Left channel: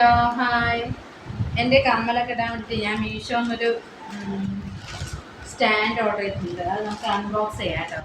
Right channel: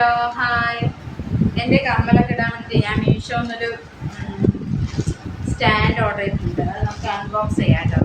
Hello hi. എന്റെ കമ്മലൊക്കെ ഇടാൻ വേണ്ടിയിട്ട് ഞാൻ മീഷോന്നൊരു സ്റ്റാൻഡ് ഓർഡർ ചെയ്തിട്ടുണ്ട്. അത് നമുക്ക് അൺബോക്സ് ചെയ്യാം കേട്ടോ.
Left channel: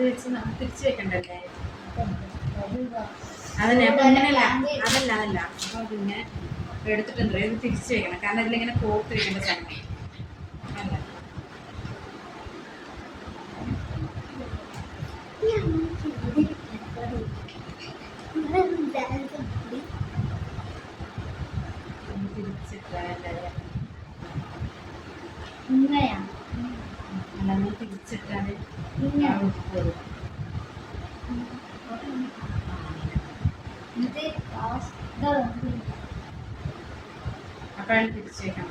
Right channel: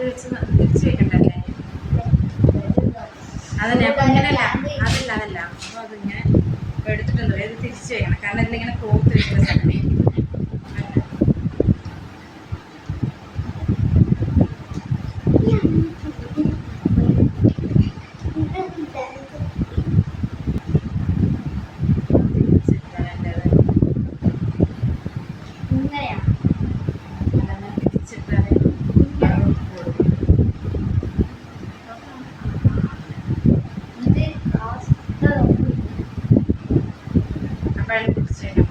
വെച്ച് വെക്കണ്ടല്ലേ? അതന്നെ അപ്പൊ ഇങ്ങനെയല്ല അതല്ല അതല്ല. അപ്പൊ അതിങ്ങനെ എടുത്തിട്ട് എന്താ ഇത് തിരിച്ചു വെക്കണം. കാരണം ഇതിലിങ്ങനെ കോർത്ത് വെക്കേണ്ട സമയം അല്ല. അപ്പോഴാണ് തിരിച്ചു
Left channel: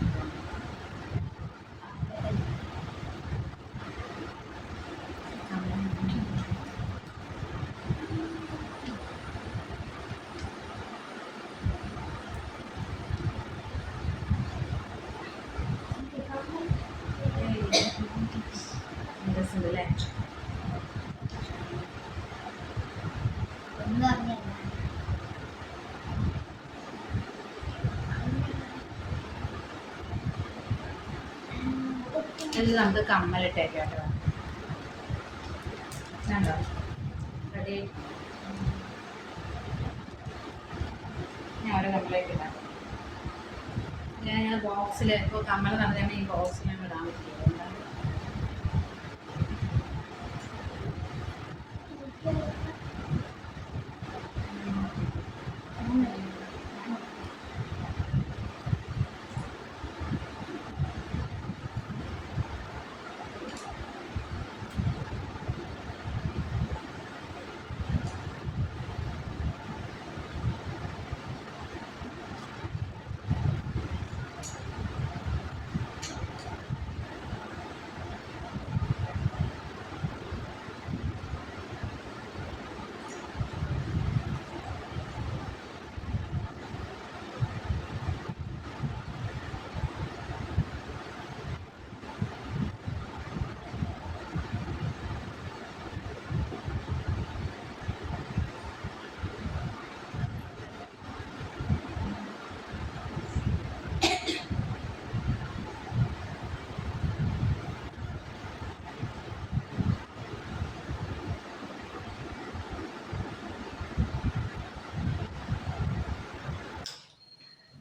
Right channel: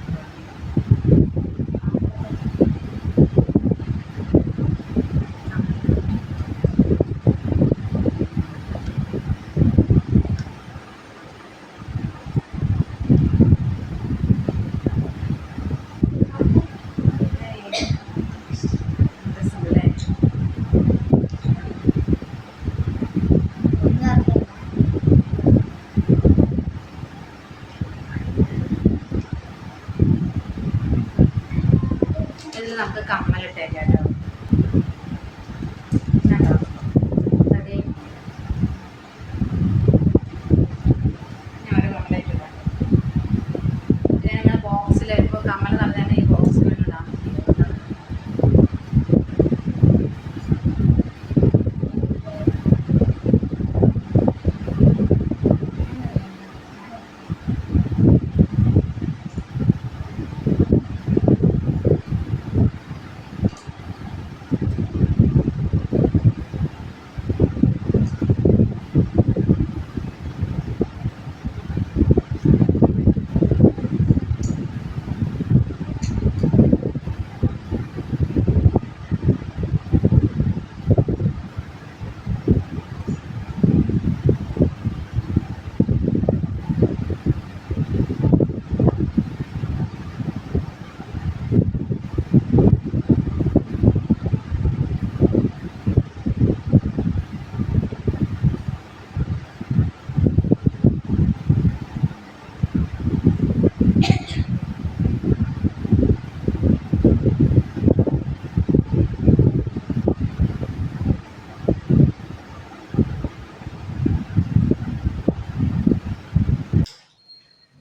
ഇതിൽ നമുക്ക് കമ്മലിട്ടേക്കാം കേട്ടോ.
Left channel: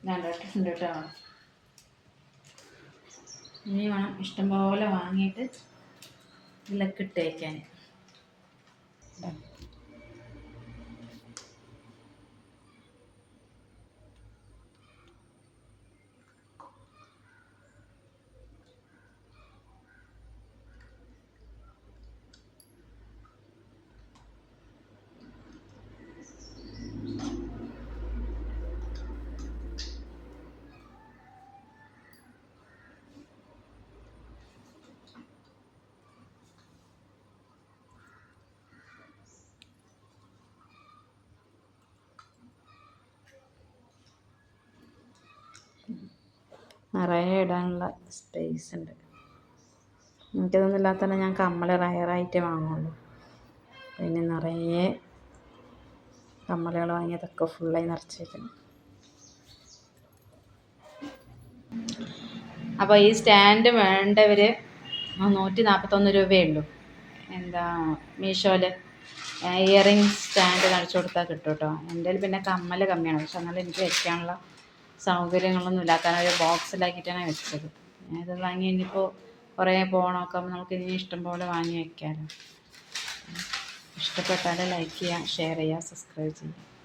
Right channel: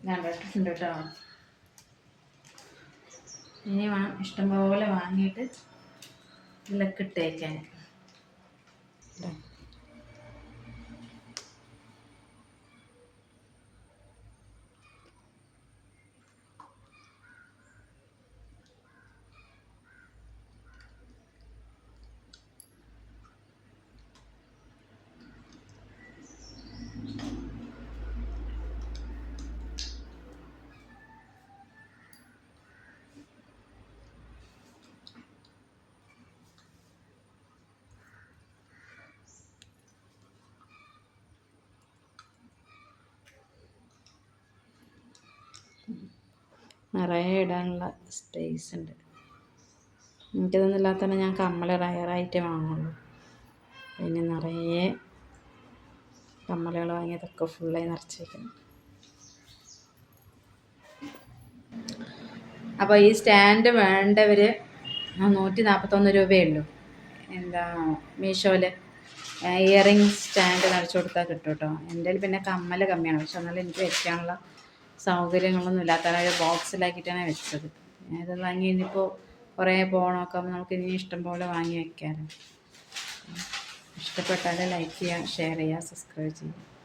ഞാൻ ഇട്ടിട്ടുണ്ട് കേട്ടോ. ഇനി വേണം ഇഷ്ടംപോലെ വാങ്ങിയിട്ട് ഇതിലൊക്കെ ഇട്ടേക്കാൻ നിറയെ ഇടാനുള്ള സ്പേസ് ഉണ്ട്. എനിക്കിതൊന്നും തന്നെ ഞാൻ കമ്മൽ റയറായിട്ടേ വാങ്ങുള്ളൂ. പിന്നെ നിറയെ കമ്മലുകൾ വാങ്ങിയതൊക്കെ ഫുള്ളായി നിറച്ചേക്കണം അപ്പോൾ ഈ സ്റ്റാൻഡ് വേണ്ടവർ നൂറ്റി നാൽപ്പത്തൊന്ന് രൂപയേ ഉള്ളൂ എന്താ മീഷോയിൽ ഇയറിങ് സ്റ്റാൻഡ് കാണിച്ചു കൊടുത്താൽ കിട്ടും കേട്ടോ എന്റെ പിന്നെ കമ്മൽ കമ്മിയാണ്. പക്ഷെ എന്നാലും എനിക്ക് വെക്കാനുള്ള സൗകര്യങ്ങളൊന്നും ഇല്ലാത്ത ഒരു ബോക്സിലാക്കിയിട്ടാണ് വെച്ചത്. ഇത് വാങ്ങി ഇനിയിപ്പോൾ കുറേ പോകണമൊക്കെ നമുക്ക് ഇനി ഇഷ്ടം പോലെ വാങ്ങി വെക്കാമല്ലോ ഇഷ്ടപ്പെട്ടാൽ ലൈക്ക് ചെയ്യുക ഷെയർ ചെയ്യുക സബ്സ്ക്രൈബ് ചെയ്യുക